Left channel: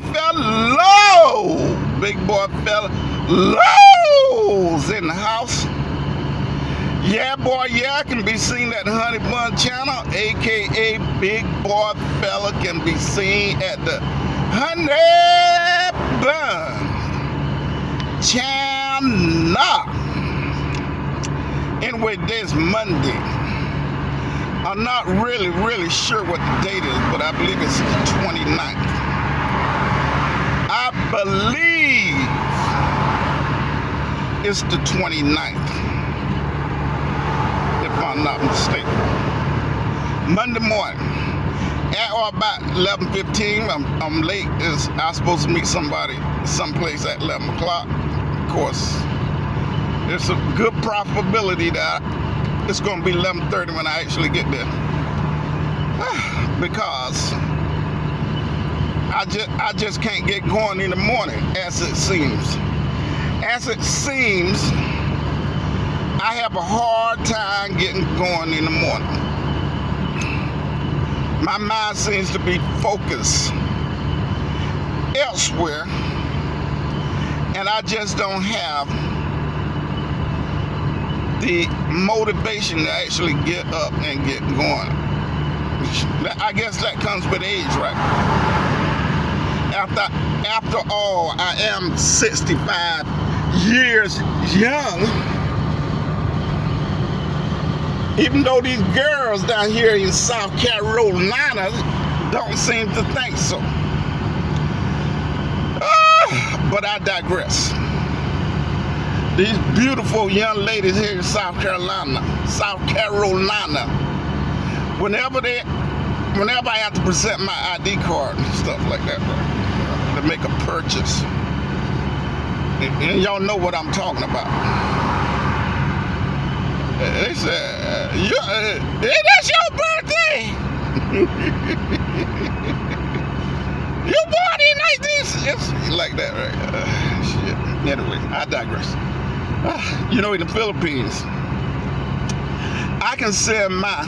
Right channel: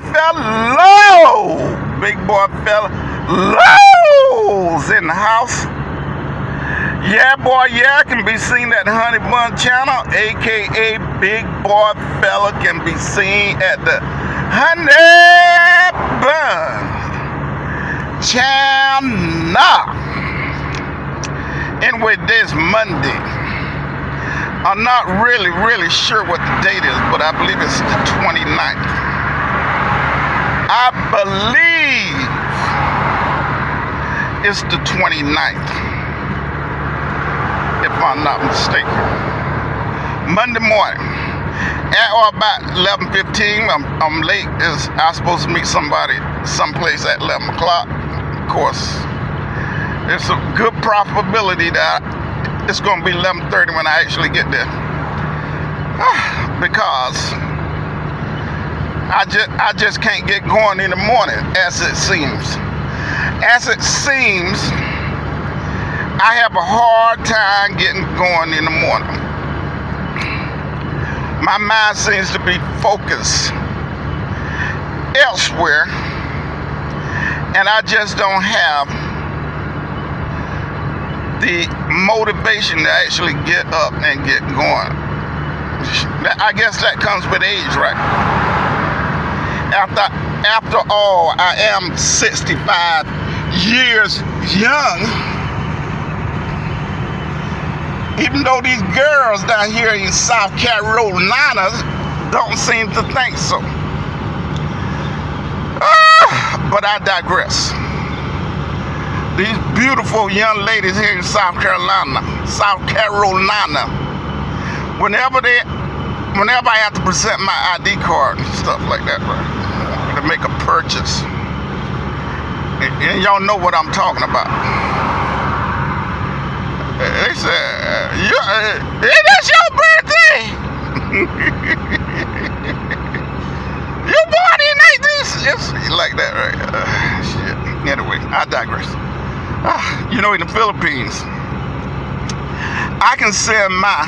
boy fellow. Big boy fellows in the house. Yeah, boy, yeah, can be seen at the Honey Bun channel, aka Big Boy Fella can be seen at the Honey Bun channel. Anyway, this Monday. I'm not really sure what the date is, but I believe it's the 29th. I believe it's the 29th. If I'm not mistaken. Monday morning, at or about 11:15, I'm late. I'm supposed to meet somebody someplace at 11 o'clock. Of course, there's a good probability that it's going to be 11:30 when I actually get there. Because I just can't get going in the morning, as it seems. As it seems, I have a hard time getting going in the morning. My mind seems to be focused elsewhere, and I just don't have the motivation to actually get up and get going. I guess that comes with age, right? After all, I am 65 years young. Even though these girls down here in South Carolina don't seem to think so. But I digress. These beautiful young ladies here in South Carolina, whenever I have to present my ID card and stuff like that, right, to make a purchase, and y'all know what I'm talking about. They said, that's your birthday. You born in 19... like that, right? Shit. Anyway, I digress. You know, in the Philippines, I can send my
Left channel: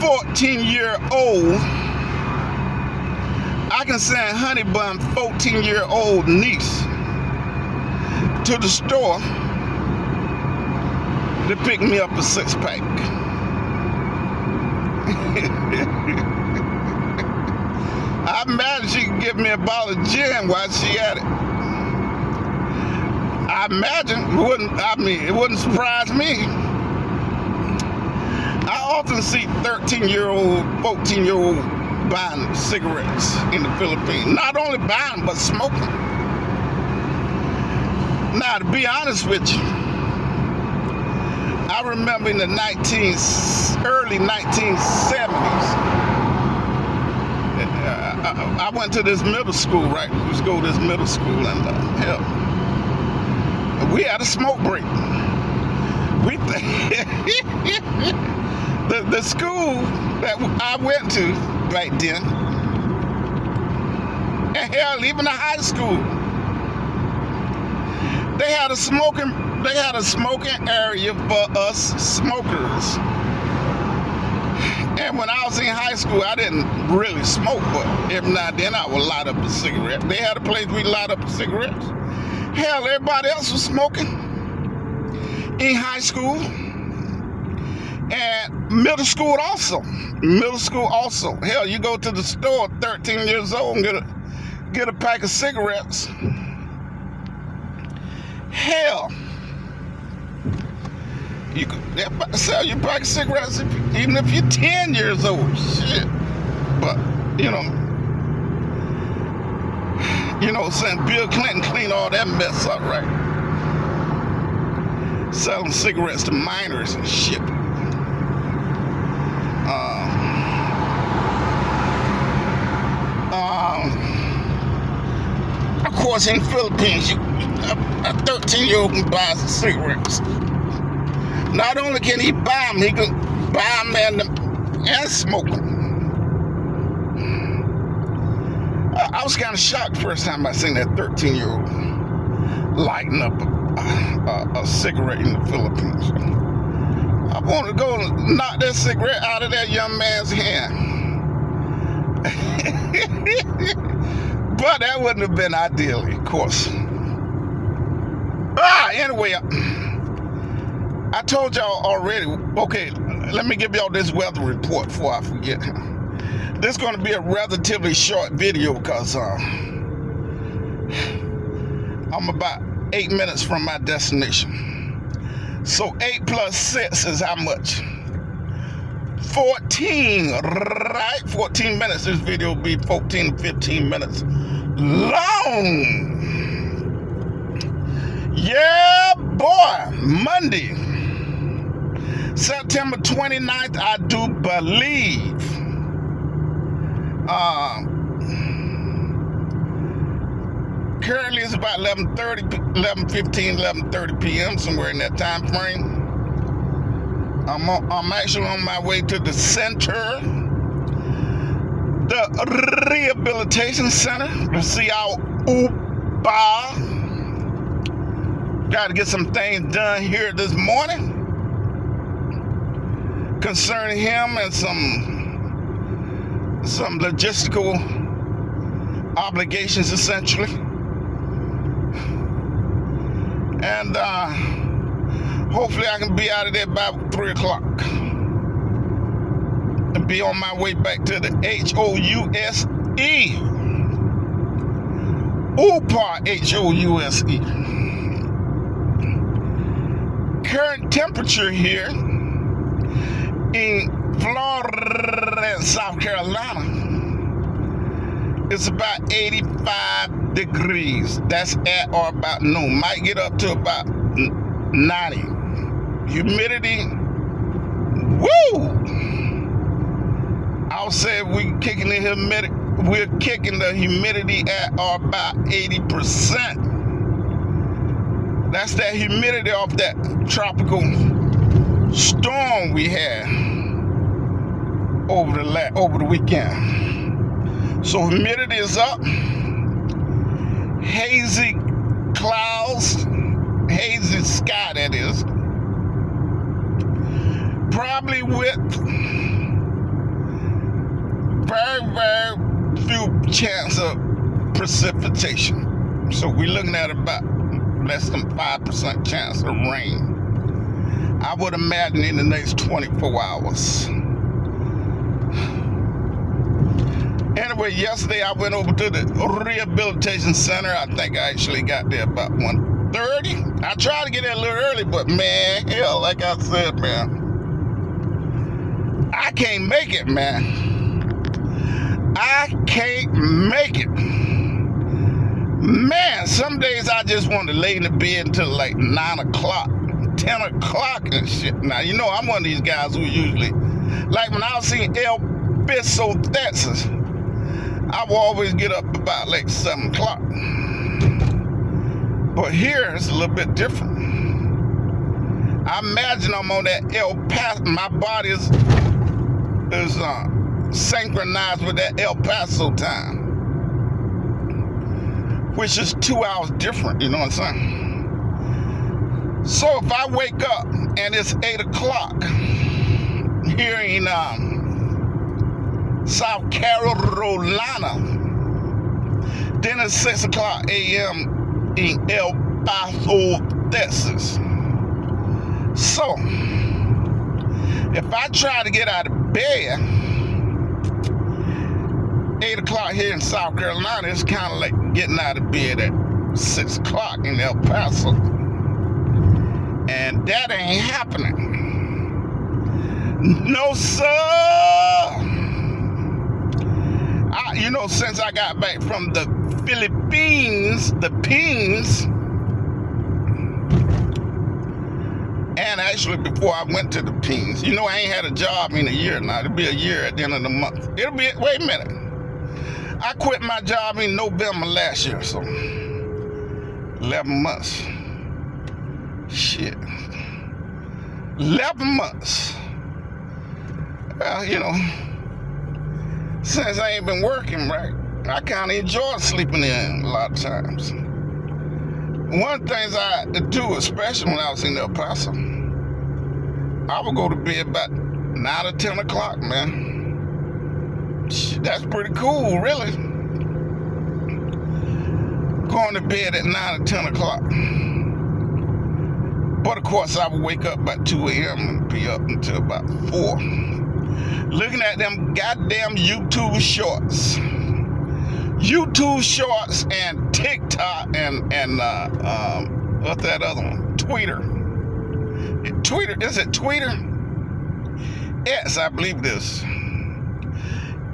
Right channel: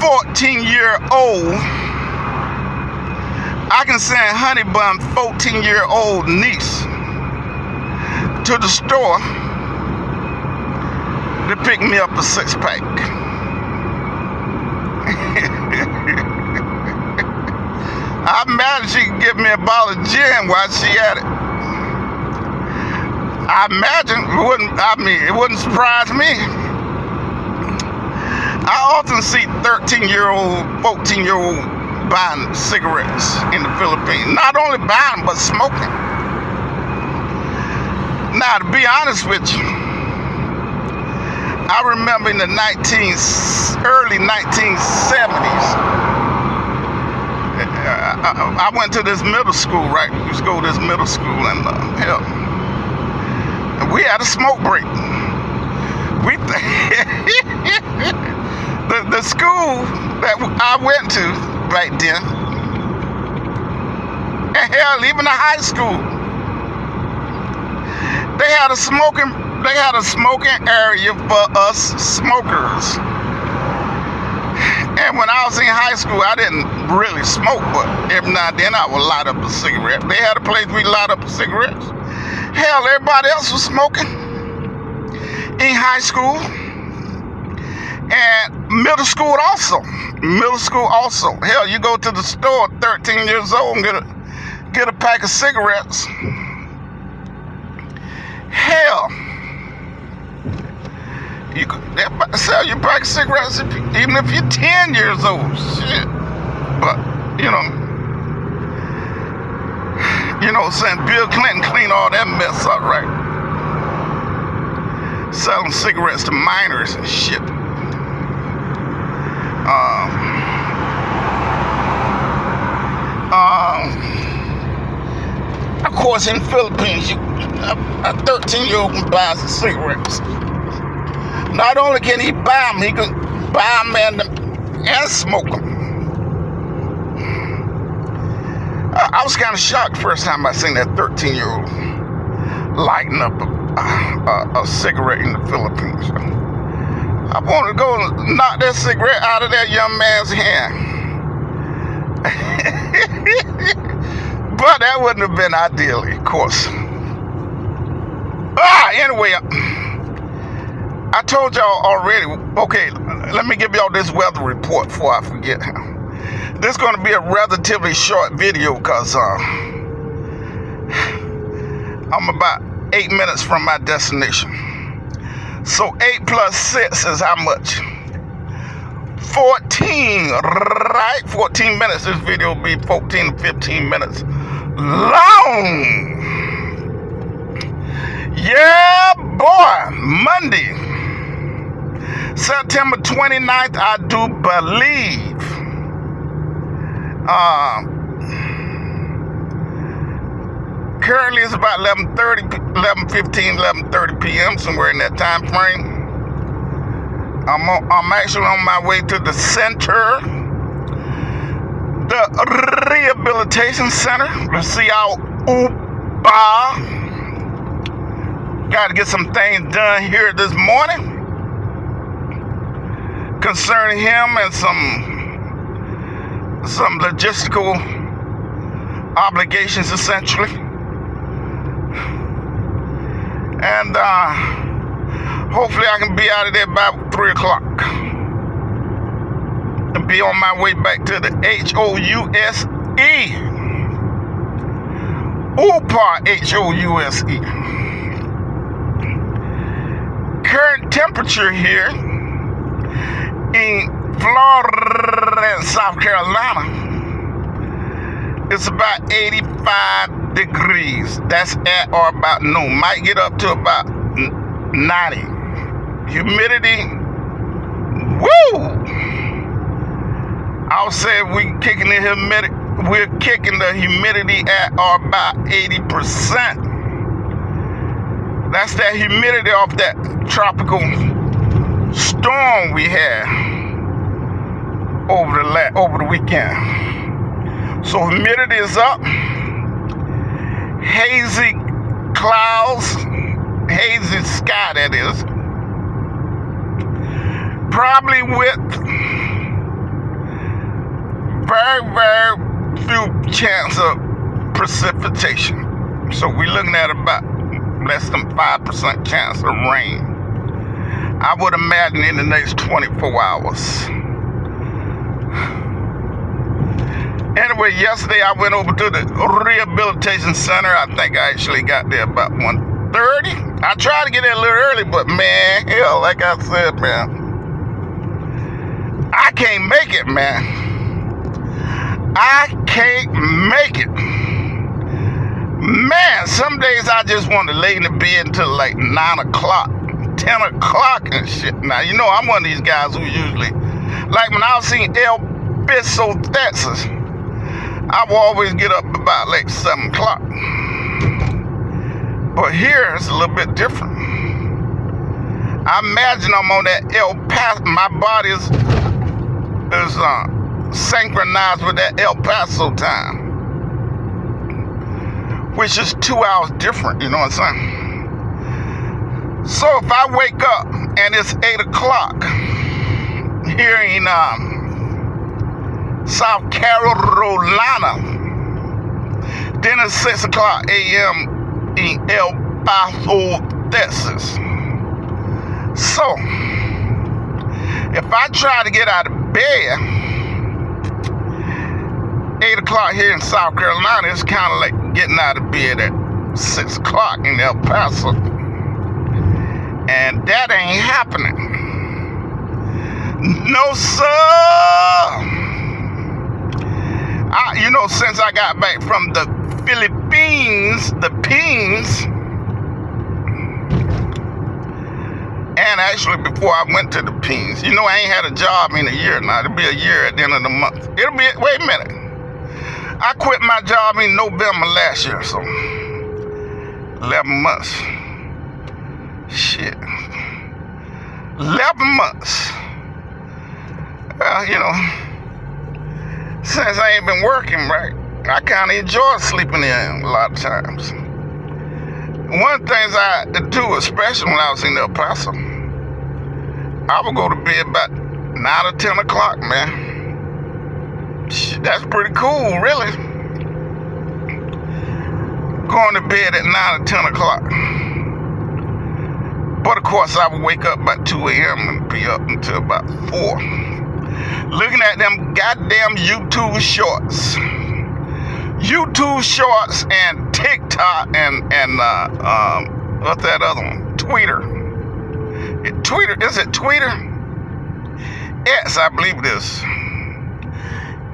14-year-old, I can send Honey Bun 14-year-old niece to the store to pick me up a 6-pack. I imagine she could give me a bottle of gin while she at it. I imagine it wouldn't surprise me. I often see 13-year-old, 14-year-old buying cigarettes in the Philippines. Not only buying them, but smoking. Now, to be honest with you, I remember in the early 1970s, I went to this middle school, right? We used to go to this middle school, and we had a smoke break. The school that I went to back then, and hell, even the high school, they had a smoking area for us smokers. And when I was in high school, I didn't really smoke, but every now and then I would light up a cigarette. They had a place we light up cigarettes. Hell, everybody else was smoking in high school and middle school also. Hell, you go to the store at 13 years old and get a pack of cigarettes. Hell, you could sell you a pack of cigarettes even if you're 10 years old. Shit. But, you know, saying Bill Clinton cleaned all that mess up, right? Selling cigarettes to minors and shit. Of course, in the Philippines, a 13-year-old can buy some cigarettes. Not only can he buy them, he can buy them and smoke them. I was kind of shocked the first time I seen that 13-year-old lighting up a cigarette in the Philippines. I want to go and knock that cigarette out of that young man's hand. But that wouldn't have been ideally, of course. Anyway, I told y'all already. Okay, let me give y'all this weather report before I forget. This is going to be a relatively short video because I'm about 8 minutes from my destination. So 8 plus 6 is how much? 14, right? 14 minutes. This video will be 14 to 15 minutes long. Yeah, boy. Monday, September 29th, I do believe. Currently it's about 11:30 p.m., somewhere in that time frame. I'm actually on my way to the center, the rehabilitation center, to see our Uba. Got to get some things done here this morning concerning him and some logistical obligations, essentially. And hopefully I can be out of there by 3 o'clock and be on my way back to the HOUSE. UPA HOUSE. Current temperature here in Florida and South Carolina is about 85 degrees. That's at or about noon. Might get up to about 90. Humidity, woo! I'll say we're kicking the humidity at or about 80%. That's that humidity off that tropical storm we had over the weekend. So humidity is up. Hazy clouds, hazy sky, that is. Probably with very, very few chance of precipitation. So we're looking at about less than 5% chance of rain. I would imagine in the next 24 hours. Anyway, yesterday I went over to the rehabilitation center. I think I actually got there about 1:30. I tried to get there a little early, but man, hell, like I said, man, I can't make it, man. I can't make it. Man, some days I just want to lay in the bed until like 9 o'clock, 10 o'clock and shit. Now, you know, I'm one of these guys who usually, like when I was seeing El Piso, Texas, I will always get up about like 7 o'clock. But here it's a little bit different. I imagine I'm on that El Paso. My body is synchronized with that El Paso time, which is 2 hours different, you know what I'm saying? So if I wake up and it's 8 o'clock here in South Carolina, then it's 6 o'clock a.m. in El Paso, Texas. So if I try to get out of bed 8 o'clock here in South Carolina, it's kind of like getting out of bed at 6 o'clock in El Paso. And that ain't happening. No, sir. You know, since I got back from the Philippines, the Pings, and actually before I went to the Pings, you know, I ain't had a job in a year now. It'll be a year at the end of the month. It'll be, wait a minute. I quit my job in November last year, so 11 months. Shit. 11 months. Well, you know, since I ain't been working, right, I kind of enjoy sleeping in a lot of times. One of the things I do, especially when I was in El Paso, I would go to bed about 9 or 10 o'clock, man. Shit. That's pretty cool, really. Going to bed at 9 or 10 o'clock. But of course, I would wake up about 2 a.m. and be up until about 4. Looking at them goddamn YouTube shorts. YouTube shorts and TikTok and what's that other one? Twitter. Is it Twitter? X, I believe it is.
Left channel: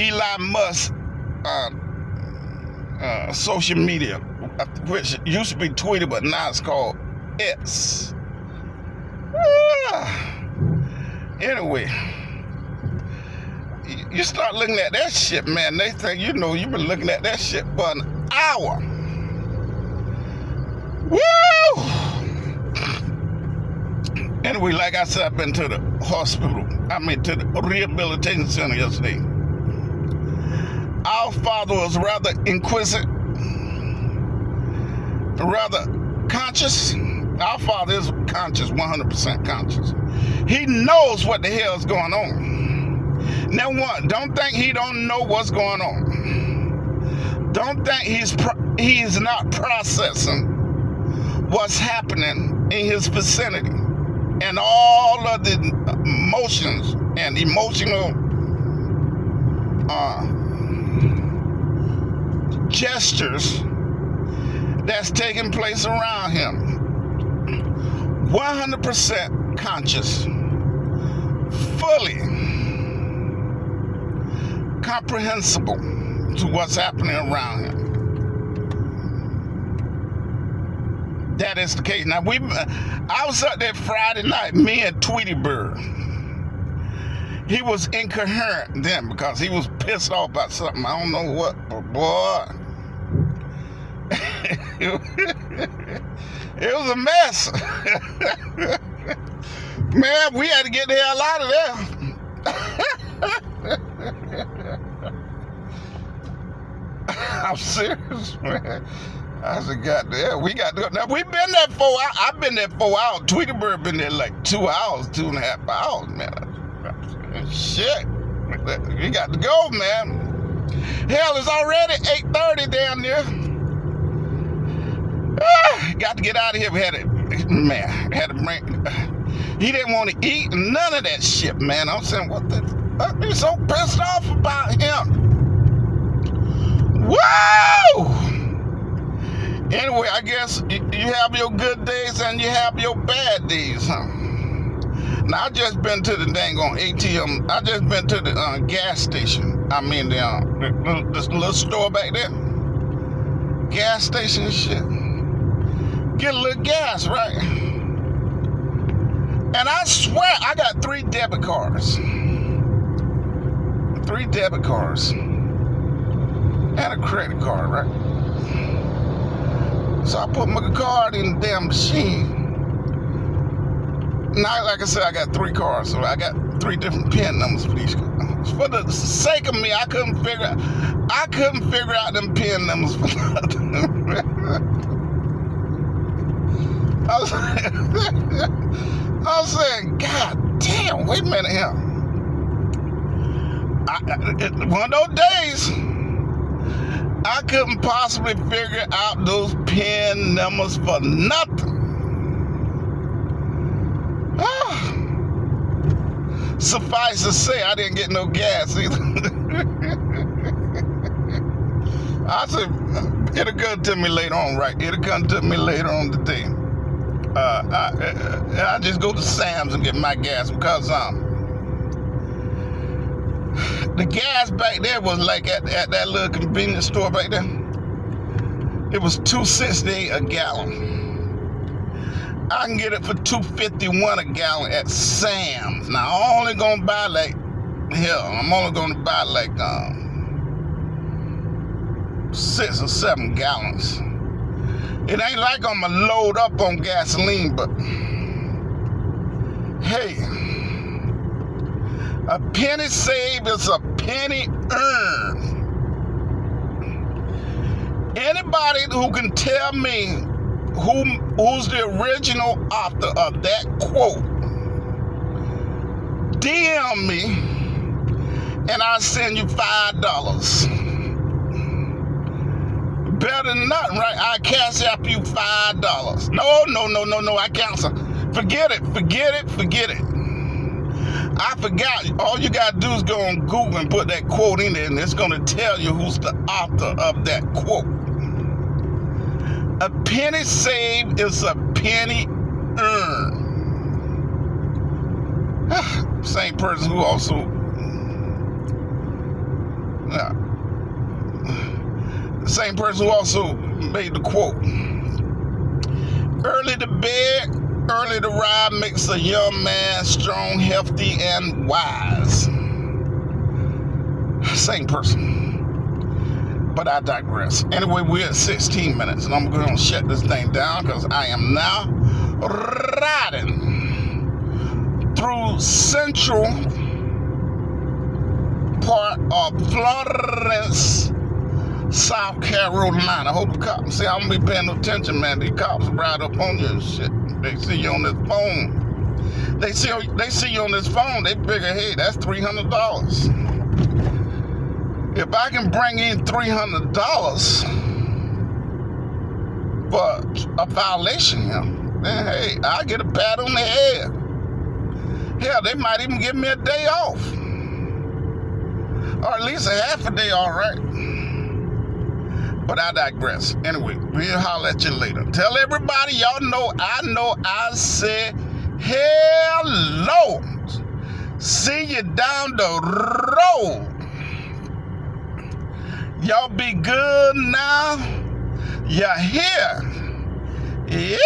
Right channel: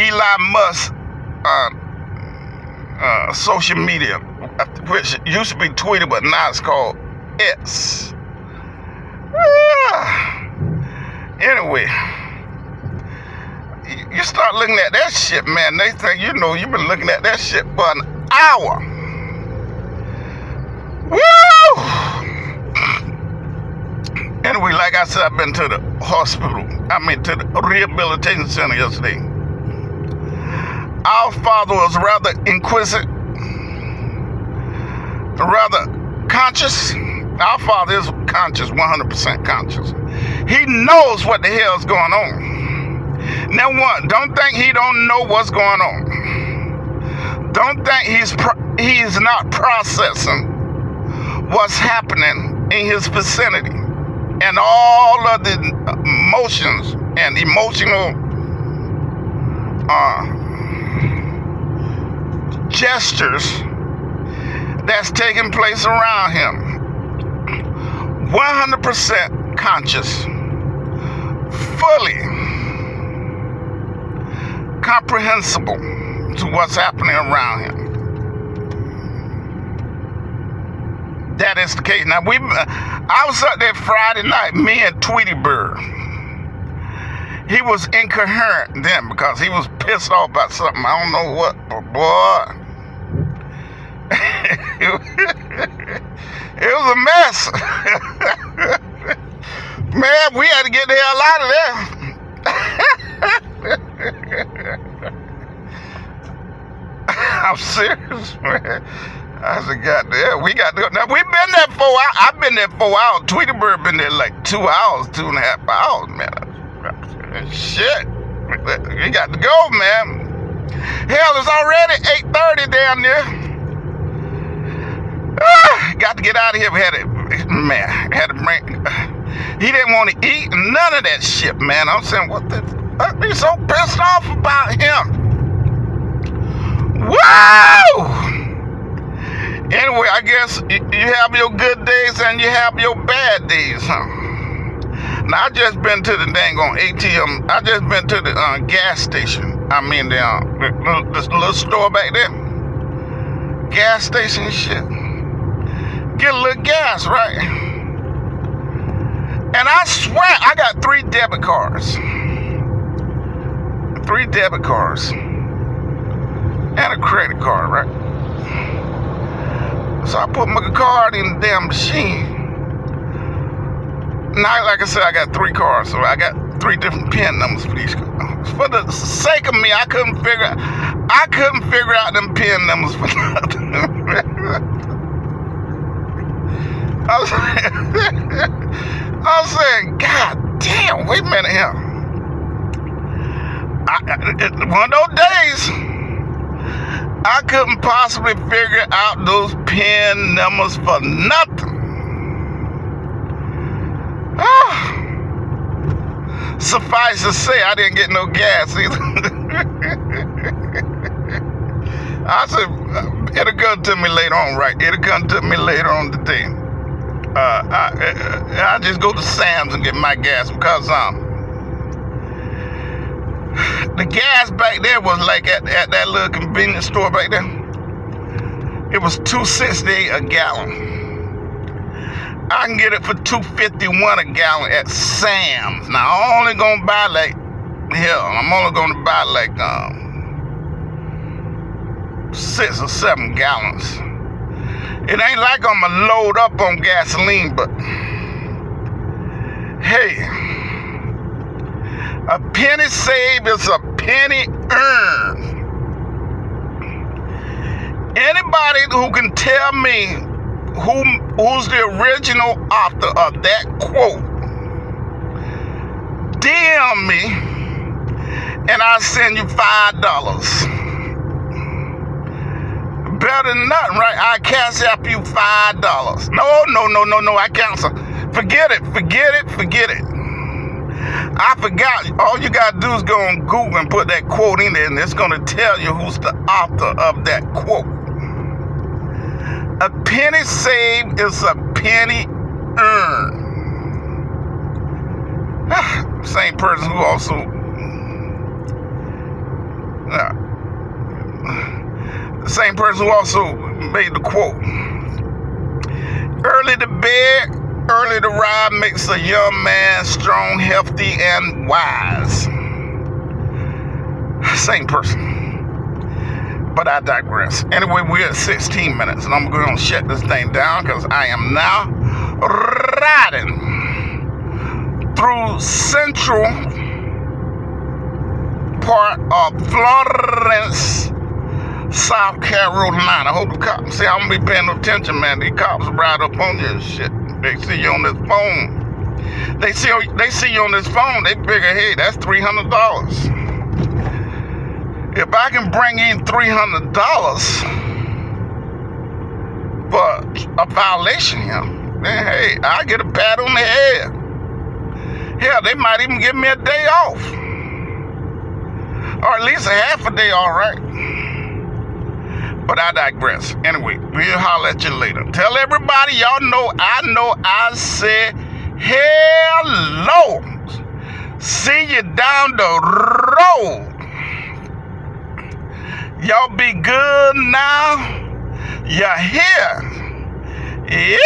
Elon Musk social media, which used to be Twitter, but now it's called X. Anyway, you start looking at that shit, man. They think you've been looking at that shit for an hour. Woo! Anyway, like I said, I've been to the hospital. To the rehabilitation center yesterday. Our father was rather inquisitive, rather conscious. Our father is conscious, 100% conscious. He knows what the hell is going on. Now, don't think he don't know what's going on. Don't think he's not processing what's happening in his vicinity and all of the emotions and emotional gestures that's taking place around him. 100% conscious, fully comprehensible to what's happening around him. That is the case. Now, I was up there Friday night, me and Tweety Bird. He was incoherent then because he was pissed off about something. I don't know what, but boy. It was a mess. Man, we had to get the hell out of there. I'm serious, man. I said, goddamn, we got to go. Now, we've been there 4 hours. I've been there 4 hours. Tweety Bird been there like 2 hours, 2.5 hours, man. Shit. We got to go, man. Hell, it's already 8:30 down there. Got to get out of here. He didn't want to eat none of that shit, man. I'm saying, I'd be so pissed off about him. Whoa! Anyway, I guess you have your good days and you have your bad days, huh? Now, I just been to the dang on ATM. I just been to the gas station. This little store back there. Gas station and shit. Get a little gas, right? And I swear I got 3 debit cards. 3 debit cards. And a credit card, right? So I put my card in the damn machine. Now, like I said, I got 3 cards, so I got 3 different PIN numbers for these cards. For the sake of me, I couldn't figure out them PIN numbers for nothing. I was saying, God damn, wait a minute here. One of those days, I couldn't possibly figure out those PIN numbers for nothing. Suffice to say, I didn't get no gas either. I said, it'll come to me later on, right? It'll come to me later on today. I just go to Sam's and get my gas because the gas back there was like at that little convenience store back there. It was $2.68 a gallon. I can get it for $2.51 a gallon at Sam's. Now I'm only gonna buy I'm only gonna buy 6 or 7 gallons. It ain't like I'm gonna load up on gasoline, but hey, a penny saved is a penny earned. Anybody who can tell me who's the original author of that quote, DM me and I'll send you $5. Better than nothing, right? I cash up you $5. No, I cancel. Forget it. I forgot. All you gotta do is go on Google and put that quote in there, and it's gonna tell you who's the author of that quote. A penny saved is a penny earned. Same person who also same person who also made the quote. Early to bed, early to rise makes a young man strong, healthy, and wise. Same person. But I digress. Anyway, we're at 16 minutes, and I'm going to shut this thing down because I am now riding through central part of Florence, South Carolina. I hope the cops see I'm gonna be paying attention, man. These cops ride up on you and shit. They see you on this phone. They see you on this phone. They figure, hey, that's $300. If I can bring in $300 for a violation here, then hey, I get a pat on the head. Hell, they might even give me a day off, or at least a half a day. All right. But I digress. Anyway, we'll holler at you later. Tell everybody y'all know I said hello. See you down the road. Y'all be good now. You're here. Yeah.